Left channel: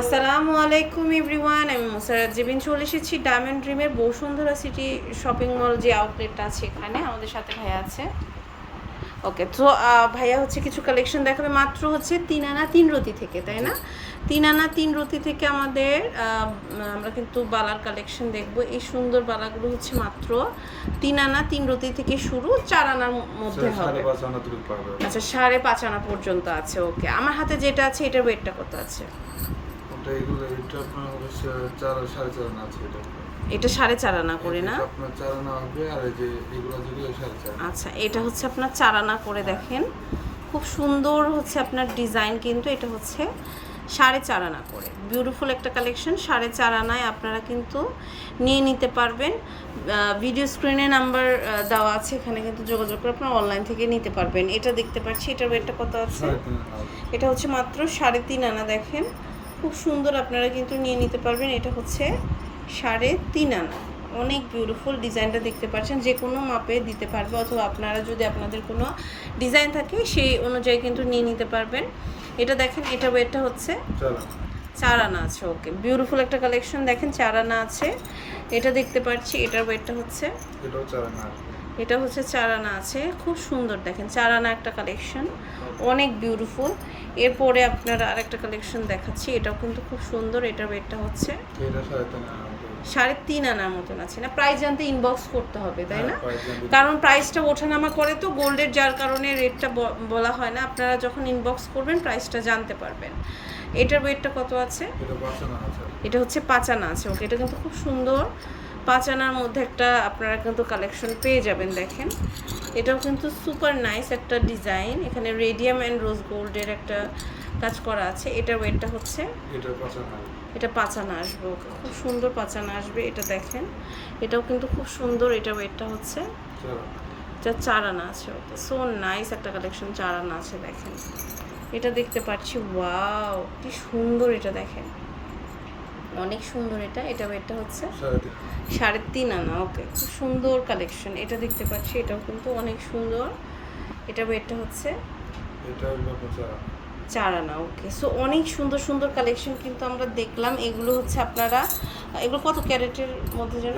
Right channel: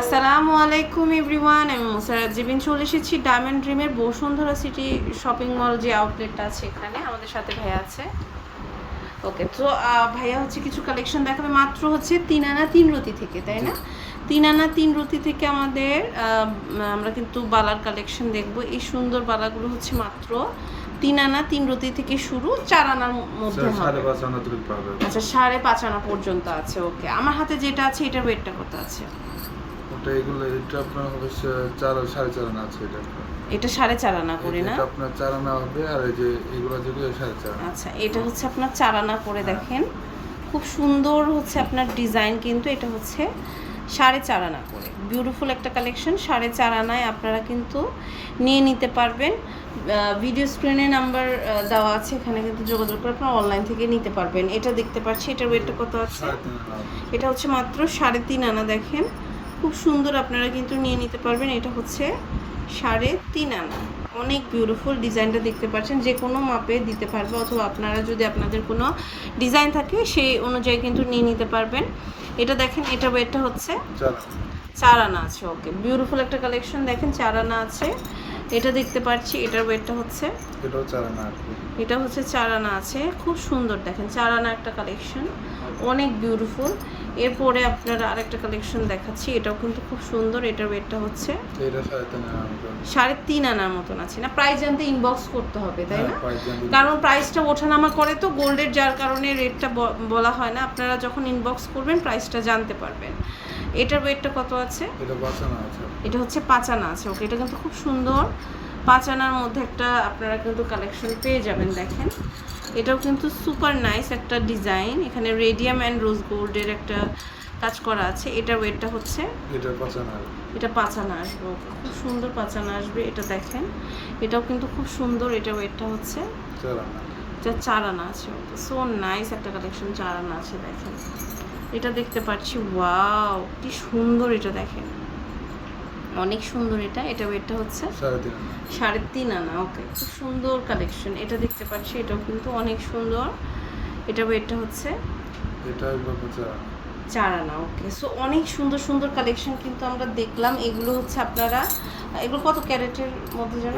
আসসালামু আলাইকুম এভরিওয়ান, আমি মুসারাত জেবিন চলে এসেছি ডায়মন্ড ড্রিমের বসুন্ধরা সিটি শপিং মল যে আউটলেটটা আছে এখানে। আমাদের সাথে ভাইয়া আছে। ওকে, তো ভাইয়া হচ্ছে কিছু কালেকশন দেখাবে মাত্র হচ্ছে 3 আনা 3 রতি থেকে, তাই না? 3 আনা 3 রতি থেকে আমরা কিন্তু বালার কালেকশন দেখব। এই সুন্দর বালাগুলো হচ্ছে মাত্র 3 আনা 3 রতি থেকে শুরু, 4 আনার মধ্যে হবে। আচ্ছা, 5.5 আনা পর্যন্ত আছে। ওকে, আমার হাতে যেটা আছে এটার ওয়েটটা কত আছে? এটা আপনার হচ্ছে 4.5 আনা আছে। এটা 4.5 আনা করে না? আপনার 4 আনা হবে, আর এই যে এগুলো যেগুলো 4.5। আচ্ছা, এটা হচ্ছে আপনার 4 আনা করে। দেখেন খুব সুন্দর হচ্ছে আপনার ডিজাইন, কিন্তু এটা হচ্ছে 4.5 আনা করে। বিউটিফুল একটা কালেকশন। 4.5 আনায় আপনারা কিন্তু নিয়ে নিতে পারবেন। ভিডিও স্ক্রিনে নাম্বার দেওয়া আছে, এখানে কিন্তু যোগাযোগ করে আপনারা অনলাইন থেকে নিতে পারবেন। এটা দেখতে পাচ্ছি, এটার ওয়েটটা কত আছে? এটা হচ্ছে মাত্র 3.5 আনা। দেখেন খুব সুন্দর, আপনারা কিন্তু নিয়ে নিতে পারবেন। এটা হচ্ছে 3.5 আনা। অনেক বিউটিফুল ডিজাইনটা দেখতে পাচ্ছেন, যে কোনো মাপে দিতে পারবে, অথবা আপনারা যদি আপনাদের কোনো ডিজাইন থাকে সেই অনুযায়ী কিন্তু নিয়ে নিতে পারবেন। এটা দেখেন, এটা ওয়েটটা হচ্ছে 4 আনা আছে। ওকে, বিউটিফুল একটা কালেকশন। দেখেন 4 আনা আছে। এটা দেখতে পাচ্ছি, এটার ওয়েটটা হচ্ছে, এটা হচ্ছে 4 আনা আছে। খুব সুন্দর, দেখেন 4 আনা একটা কালেকশন, অনেক বিউটিফুল। এরপরে আপনারা আরেকটা কালেকশন দেখাচ্ছি, এটাও কিন্তু খুব সুন্দর। এটার ওয়েটটা হচ্ছে 3.5 আনার মতন আছে। না, প্রাইস জানতে ইনবক্স করতে হবে, তাই না? কারণ প্রাইসটা ওঠানামা করে তো গোল্ডের, যার কারণে রেটটা বলা হয় না। আপনারা যখন ইনবক্স করবেন প্রাইসটা জানতে পারবেন। এটার ওয়েটটা কত আছে? এটা হচ্ছে 5 আনা আছে। ওকে, এটা কিন্তু খুব সুন্দর। 5 আনার মধ্যে একটা আপনারা কিন্তু কালেকশন পেয়ে যাবেন। দেখেন এটাও কিন্তু সুপার নাইস একটা ডিজাইন। এখানে রেডিয়াম অ্যান্ড রোজ গোল্ডের একটা কাজ করা আছে। এটার ওয়েটটা হচ্ছে, এটা 5 আনা আসবে। ওকে, খুব সুন্দর 5 আনা আসবে। এটা দেখেন, এটাও কিন্তু খুব সুন্দর। এটা ওয়েটটা হচ্ছে, এটা 4 আনা আছে। ওকে, সো নাইস একটা কালেকশন, 4 আনা আছে। দেখেন এটা দেখতে পাচ্ছি, ওয়াও কি সুন্দর। এটা দেখেন অনেক সুন্দর। এটা ওয়েটটা হচ্ছে 3.5 আনা। ওকে, খুব সুন্দর কালেকশন। এটা দেখতে পাচ্ছি, এটাও কিন্তু অনেক সুন্দর। এটা ওয়েটটা হচ্ছে 4 আনা। ওকে, সো অনেক সুন্দর সুন্দর কালেকশন কিন্তু আমরা দেখলাম। এগুলো হচ্ছে আপনারা, এগুলো কত ক্যারেটের মধ্যে যেন?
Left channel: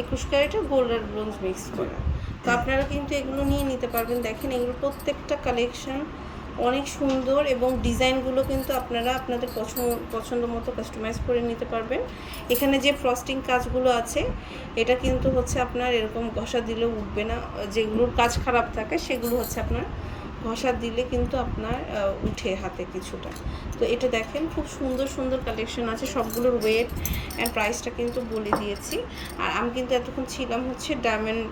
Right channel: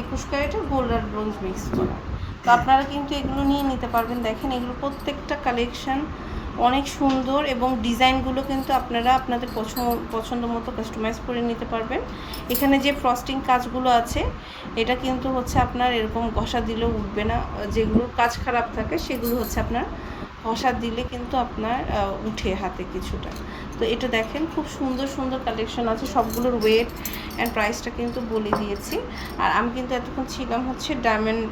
21 ক্যারেটের গোল্ড আর ব্রোঞ্জ মিক্স করা। তো আপনারা কিন্তু এগুলো নিয়ে নিতে পারবেন। দেখেন এগুলো প্রত্যেকটা কালেকশন অনেক সুন্দর, এবং ডিজাইনগুলো কিন্তু আপনারা আপনাদের পছন্দ মতো কাস্টমাইজ করে নিতে পারবেন। এখানে যে ফ্রস্টিং কাজগুলো আছে, এটা কিন্তু হচ্ছে আপনার এরকম ঘষা দিলেও উঠবে না। যেগুলোর কাজ খারাপ থাকে সেগুলো হচ্ছে আপনার ঘষা দিলে কিন্তু আপনার উঠে হাতে কিছুটা। তো এটা দেখেন খুব সুন্দর সুন্দর কালেকশন আছে। সবগুলোর ওয়েট অ্যান্ড প্রাইসটা কিন্তু বলে দিয়েছি। আর আমি কিন্তু এতক্ষণ ছিলাম হচ্ছে ডায়মন্ড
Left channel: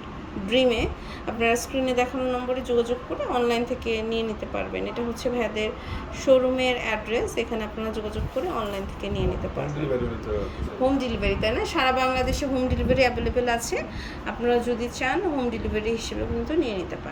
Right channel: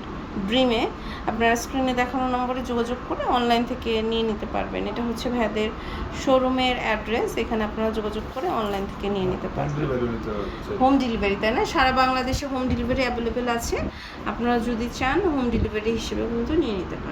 ড্রিমে। আপনারা স্ক্রিনে দেখানো নম্বরে যোগাযোগ করে অনলাইন থেকে নিয়ে নিতে পারবেন। এটা হচ্ছে ভাইয়াদের শোরুমের অ্যাড্রেস, এখানে আপনারা যোগাযোগ করে অনলাইন থেকে নিয়ে নিতে পারবেন। হোম ডেলিভারি, তাই না? সারা বাংলাদেশে হোম ডেলিভারি অ্যাভেলেবেল আছে। আপনারা যদি চান হোম ডেলিভারি হিসেবেও কিন্তু নিয়ে নিতে পারেন।